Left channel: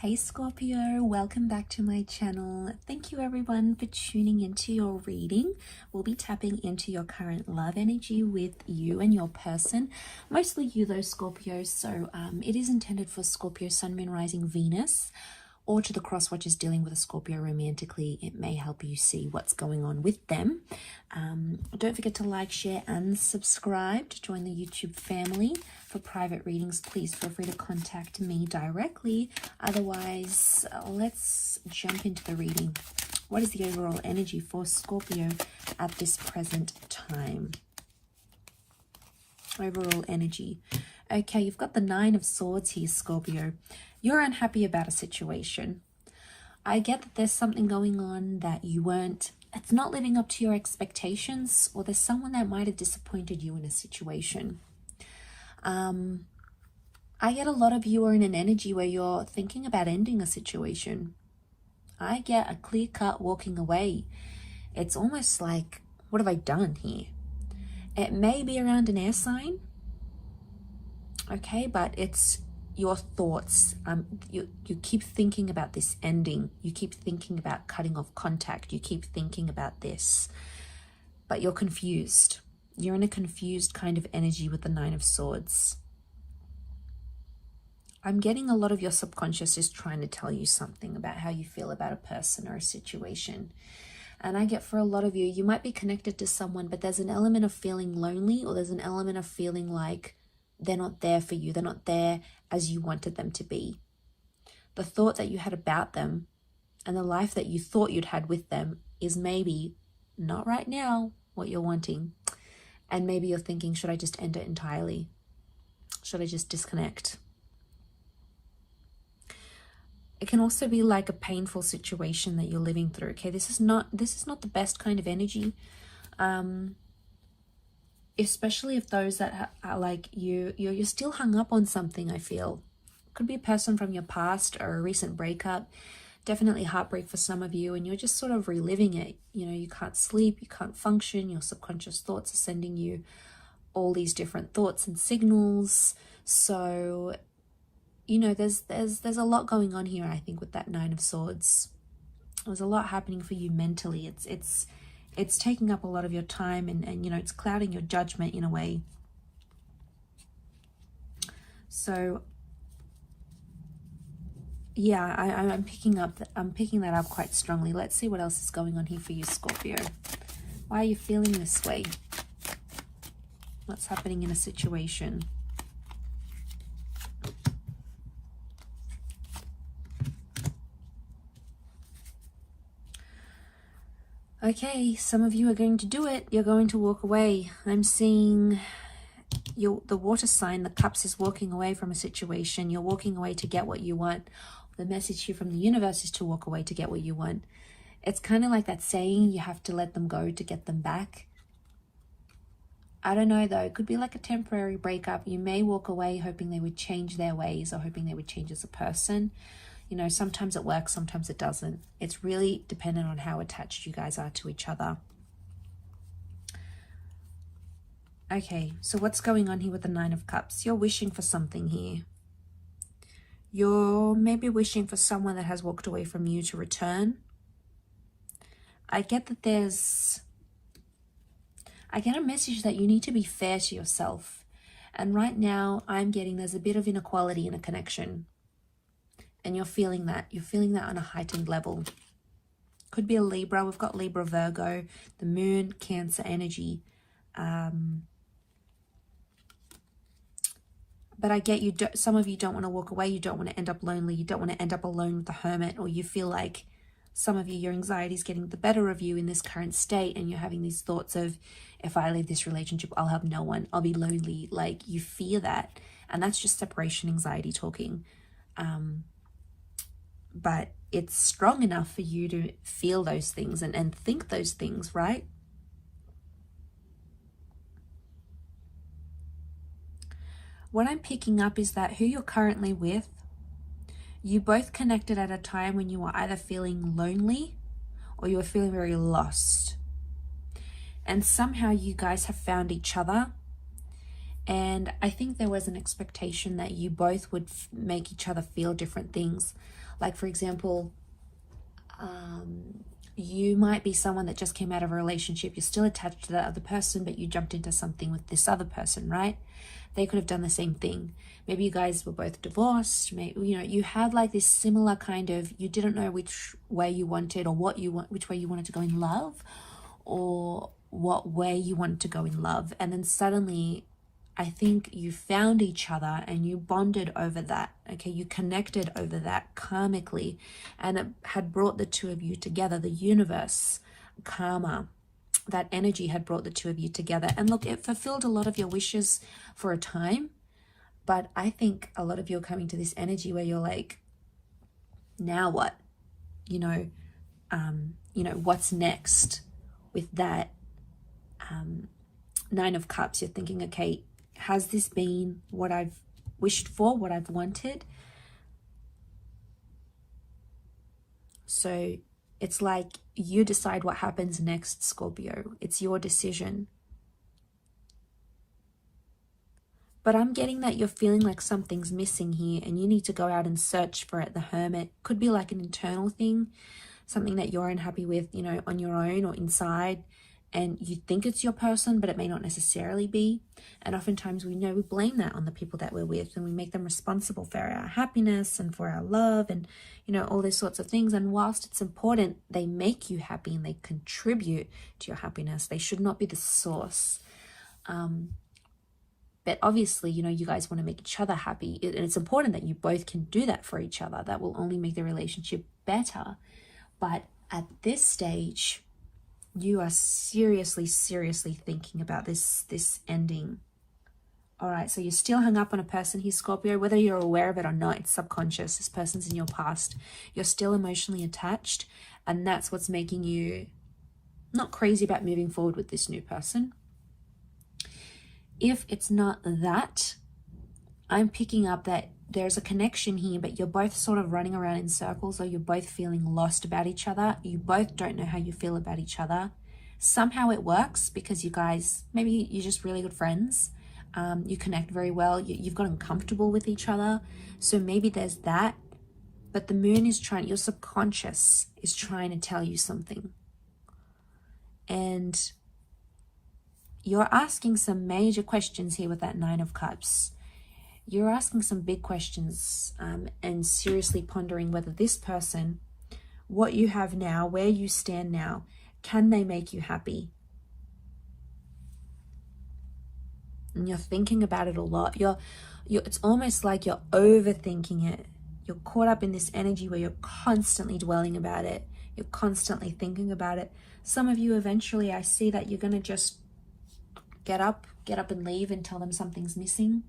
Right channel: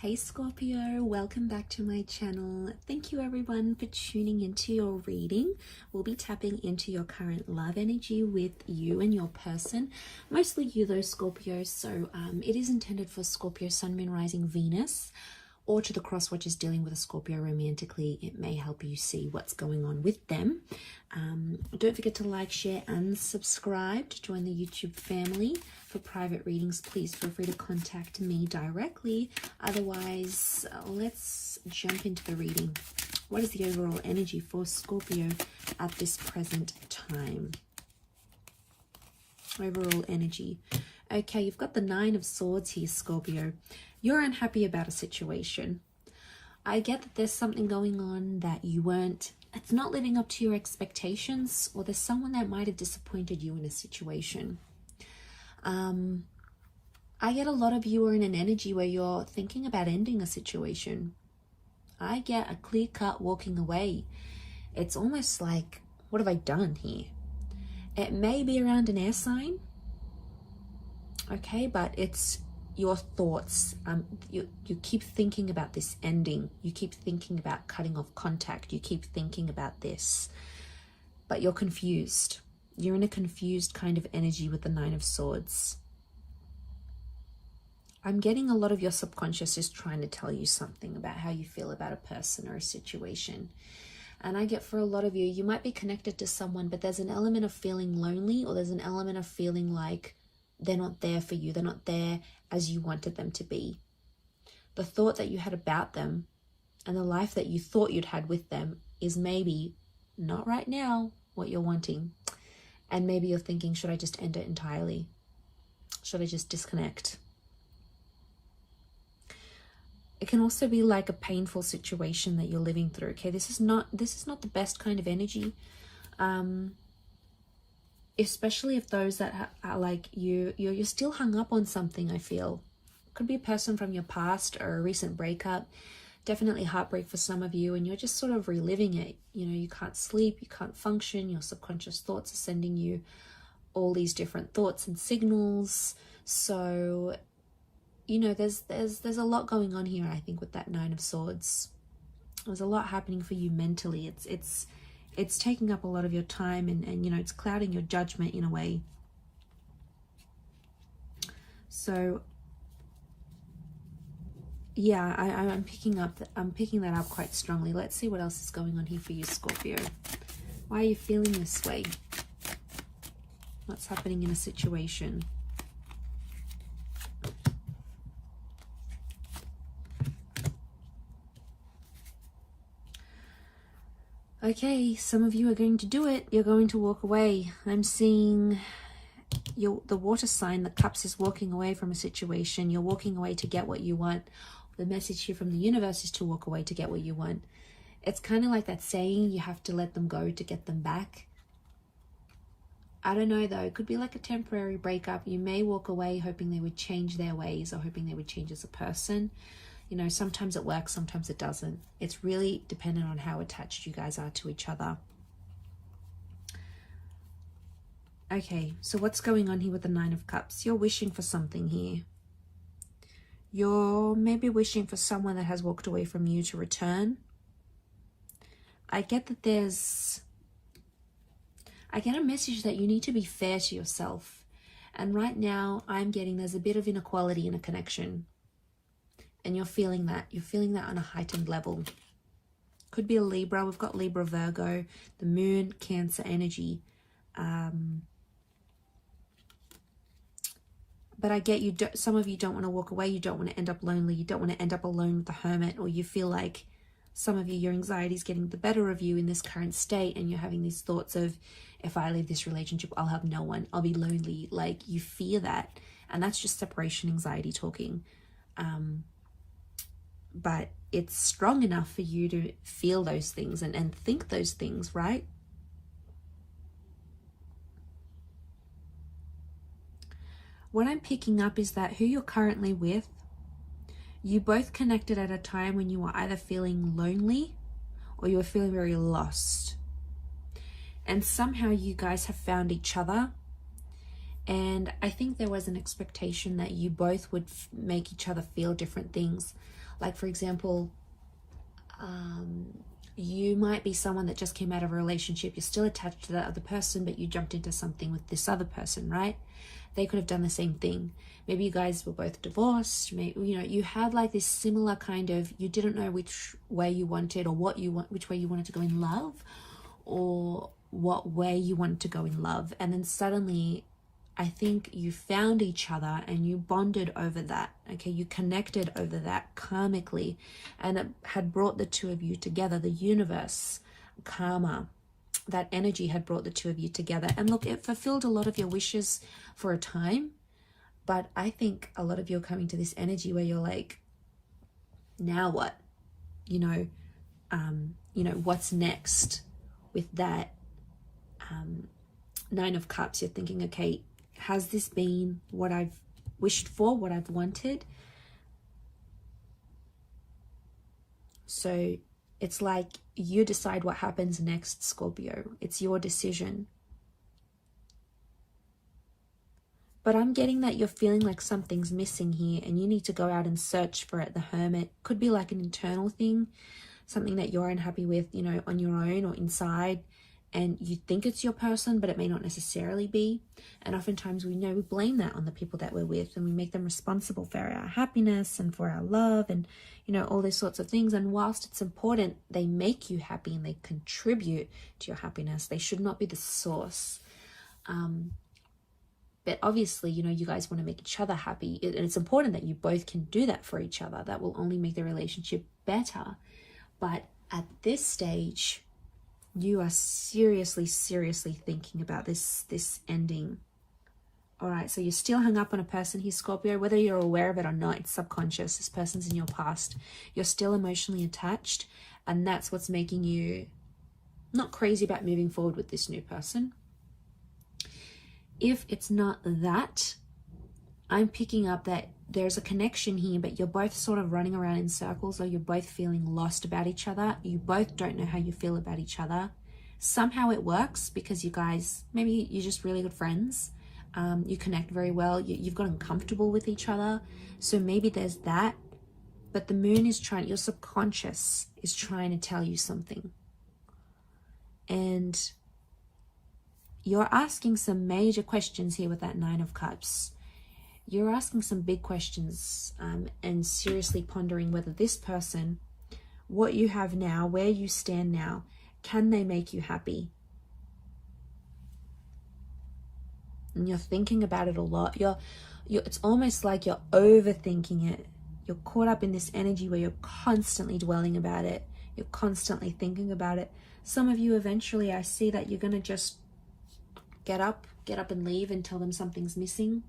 Hey Scorpio, welcome back to my channel. Thank you everyone for tuning into your reading. We'll be tapping into your current love energy with you and your person. Mostly you though, Scorpio. So it is intended for Scorpio, Sun, Moon, Rising, Venus, or to the cross watchers dealing with a Scorpio romantically. It may help you see what's going on with them. Don't forget to like, share, and subscribe to join the YouTube family. For private readings, please feel free to contact me directly. Otherwise, let's jump into the reading. What is the overall energy for Scorpio at this present time? Overall energy. Okay, you've got the Nine of Swords here, Scorpio. You're unhappy about a situation. I get that there's something going on that it's not living up to your expectations, or there's someone that might have disappointed you in a situation. I get a lot of you are in an energy where you're thinking about ending a situation. I get a clear-cut walking away. It's almost like, what have I done here? It may be around an air sign, okay, but it's your thoughts. You keep thinking about this ending. You keep thinking about cutting off contact. You keep thinking about this, but you're confused. You're in a confused kind of energy with the Nine of Swords. I'm getting a lot of your subconscious is trying to tell you something about how you feel about a person or a situation. And I get for a lot of you, you might be connected to someone, but there's an element of feeling lonely, or there's an element of feeling like they're not there for you. They're not there as you wanted them to be. The thought that you had about them and the life that you thought you'd had with them is maybe not right now what you're wanting. And maybe you're thinking, should I just end it entirely? Should I just disconnect? It can also be like a painful situation that you're living through. Okay, this is not the best kind of energy, especially if those that are like you're still hung up on something. I feel could be a person from your past or a recent breakup. Definitely heartbreak for some of you, and you're just sort of reliving it. You know, you can't sleep, you can't function. Your subconscious thoughts are sending you all these different thoughts and signals. So, you know, there's a lot going on here, I think, with that Nine of Swords. There's a lot happening for you mentally. It's taking up a lot of your time, and you know, it's clouding your judgment in a way. So yeah, I'm picking that up quite strongly. Let's see what else is going on here for you, Scorpio. Why are you feeling this way? What's happening in a situation? Okay, some of you are going to do it. You're going to walk away. I'm seeing the water sign, the cups, is walking away from a situation. You're walking away to get what you want. The message here from the universe is to walk away to get what you want. It's kind of like that saying, you have to let them go to get them back. I don't know though, it could be like a temporary breakup. You may walk away hoping they would change their ways, or hoping they would change as a person. You know, sometimes it works, sometimes it doesn't. It's really dependent on how attached you guys are to each other. Okay, so what's going on here with the Nine of Cups? You're wishing for something here. You're maybe wishing for someone that has walked away from you to return. I get a message that you need to be fair to yourself. And right now I'm getting there's a bit of inequality in a connection. And you're feeling that. You're feeling that on a heightened level. Could be a Libra. We've got Libra, Virgo, the Moon, Cancer energy. But I get some of you don't want to walk away. You don't want to end up lonely. You don't want to end up alone with the Hermit. Or you feel like some of you, your anxiety is getting the better of you in this current state. And you're having these thoughts of, if I leave this relationship, I'll have no one. I'll be lonely. Like, you fear that. And that's just separation anxiety talking. But it's strong enough for you to feel those things and think those things, right? What I'm picking up is that who you're currently with, you both connected at a time when you were either feeling lonely or you were feeling very lost. And somehow you guys have found each other. And I think there was an expectation that you both would make each other feel different things. Like, for example, you might be someone that just came out of a relationship. You're still attached to that other person, but you jumped into something with this other person, right? They could have done the same thing. Maybe you guys were both divorced. Maybe, you know, you have like this similar kind of, you didn't know which way you wanted, or which way you wanted to go in love, or what way you wanted to go in love. And then suddenly, I think you found each other and you bonded over that. Okay, you connected over that karmically, and it had brought the two of you together. The universe, karma, that energy had brought the two of you together. And look, it fulfilled a lot of your wishes for a time. But I think a lot of you are coming to this energy where you're like, now what? You know, what's next with that Nine of Cups? You're thinking, okay, has this been what I've wished for, what I've wanted? So it's like you decide what happens next, Scorpio. It's your decision. But I'm getting that you're feeling like something's missing here and you need to go out and search for it. The Hermit could be like an internal thing, something that you're unhappy with, you know, on your own or inside, and you think it's your person, but it may not necessarily be. And oftentimes we blame that on the people that we're with, and we make them responsible for our happiness and for our love and, you know, all these sorts of things. And whilst it's important, they make you happy and they contribute to your happiness. They should not be the source. But obviously, you know, you guys want to make each other happy, and it's important that you both can do that for each other. That will only make the relationship better. But at this stage, you are seriously thinking about this ending. All right, so you're still hung up on a person here, Scorpio, whether you're aware of it or not. It's subconscious. This person's in your past. You're still emotionally attached, and that's what's making you not crazy about moving forward with this new person. If it's not that, I'm picking up that there's a connection here, but you're both sort of running around in circles, or you're both feeling lost about each other. You both don't know how you feel about each other. Somehow it works because you guys, maybe you're just really good friends. You connect very well. You've gotten comfortable with each other. So maybe there's that. But the moon is trying, your subconscious is trying to tell you something. And you're asking some major questions here with that Nine of Cups. You're asking some big questions and seriously pondering whether this person, what you have now, where you stand now, can they make you happy? And you're thinking about it a lot. It's almost like you're overthinking it. You're caught up in this energy where you're constantly dwelling about it. You're constantly thinking about it. Some of you eventually, I see that you're going to just get up and leave and tell them something's missing.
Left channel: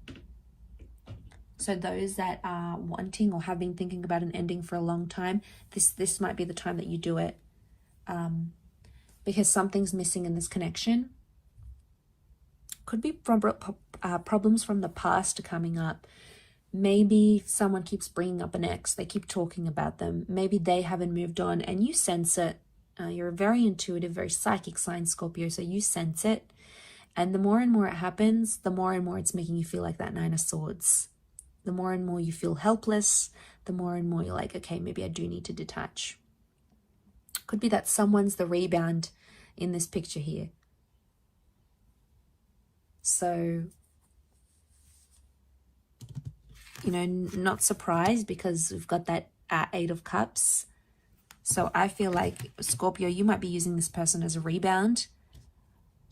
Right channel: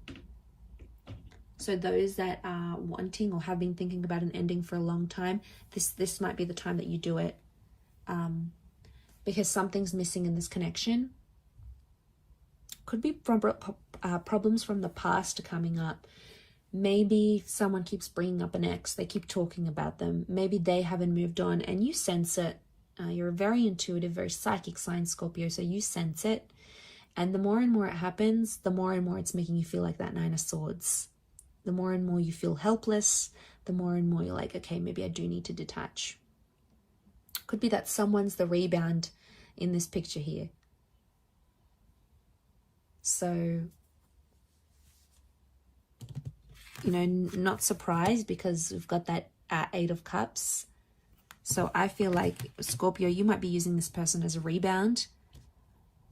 So those that are wanting or have been thinking about an ending for a long time, this might be the time that you do it, because something's missing in this connection. Could be from problems from the past coming up. Maybe someone keeps bringing up an ex. They keep talking about them. Maybe they haven't moved on and you sense it. You're a very intuitive, very psychic sign, Scorpio, so you sense it. And the more and more it happens, the more and more it's making you feel like that Nine of Swords. The more and more you feel helpless, the more and more you're like, okay, maybe I do need to detach. Could be that someone's the rebound in this picture here. So, you know, not surprised because we've got that Eight of Cups. So I feel like, Scorpio, you might be using this person as a rebound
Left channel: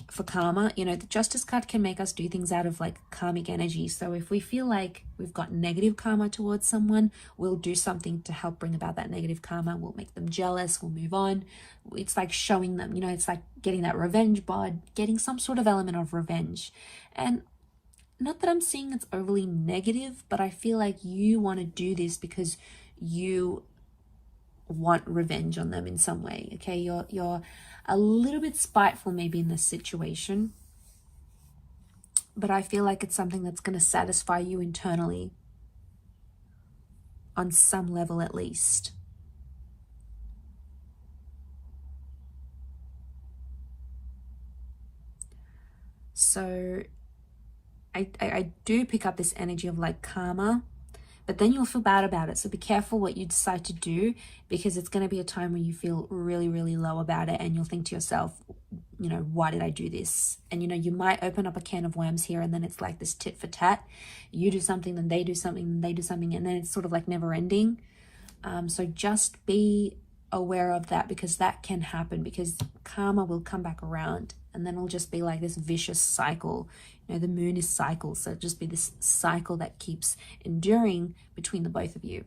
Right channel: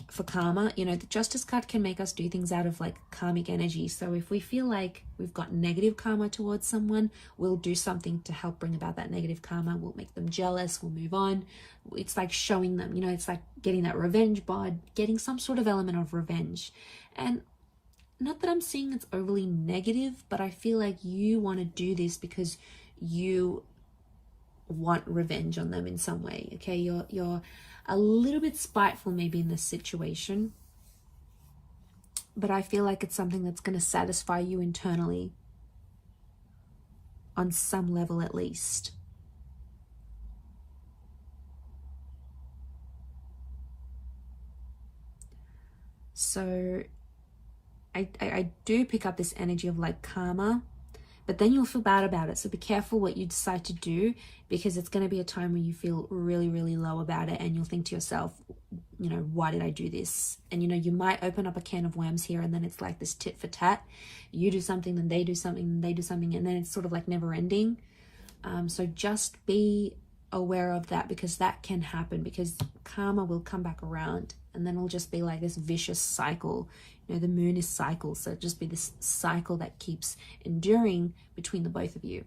for karma. You know, the Justice card can make us do things out of like karmic energy. So if we feel like we've got negative karma towards someone, we'll do something to help bring about that negative karma. We'll make them jealous, we'll move on. It's like showing them, you know, it's like getting that revenge bod, getting some sort of element of revenge. And not that I'm saying it's overly negative, but I feel like you want to do this because you want revenge on them in some way. Okay, you're a little bit spiteful maybe in this situation, but I feel like it's something that's going to satisfy you internally on some level at least. So I do pick up this energy of like karma, but then you'll feel bad about it. So be careful what you decide to do, because it's going to be a time when you feel really, really low about it, and you'll think to yourself, you know, why did I do this? And, you know, you might open up a can of worms here, and then it's like this tit for tat. You do something, then they do something, then they do something, and then it's sort of like never ending. So just be aware of that, because that can happen, because karma will come back around, and then it'll just be like this vicious cycle. You know, the moon is cycle, so it'll just be this cycle that keeps enduring between the both of you.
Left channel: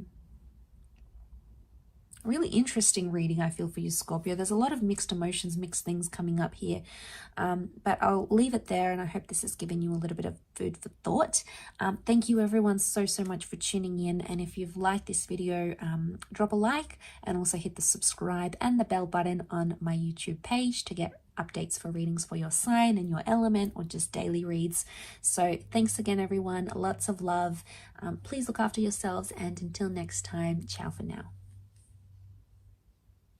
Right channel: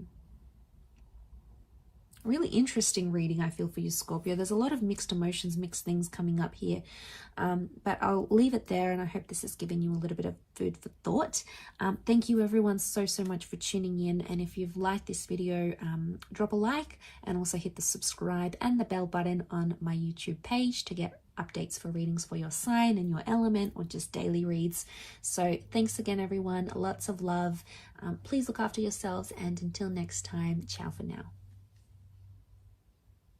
Really interesting reading, I feel, for you, Scorpio. There's a lot of mixed emotions, mixed things coming up here, but I'll leave it there, and I hope this has given you a little bit of food for thought. Thank you everyone so much for tuning in, and if you've liked this video, drop a like, and also hit the subscribe and the bell button on my YouTube page to get updates for readings for your sign and your element, or just daily reads. So thanks again everyone, lots of love. Please look after yourselves, and until next time, ciao for now.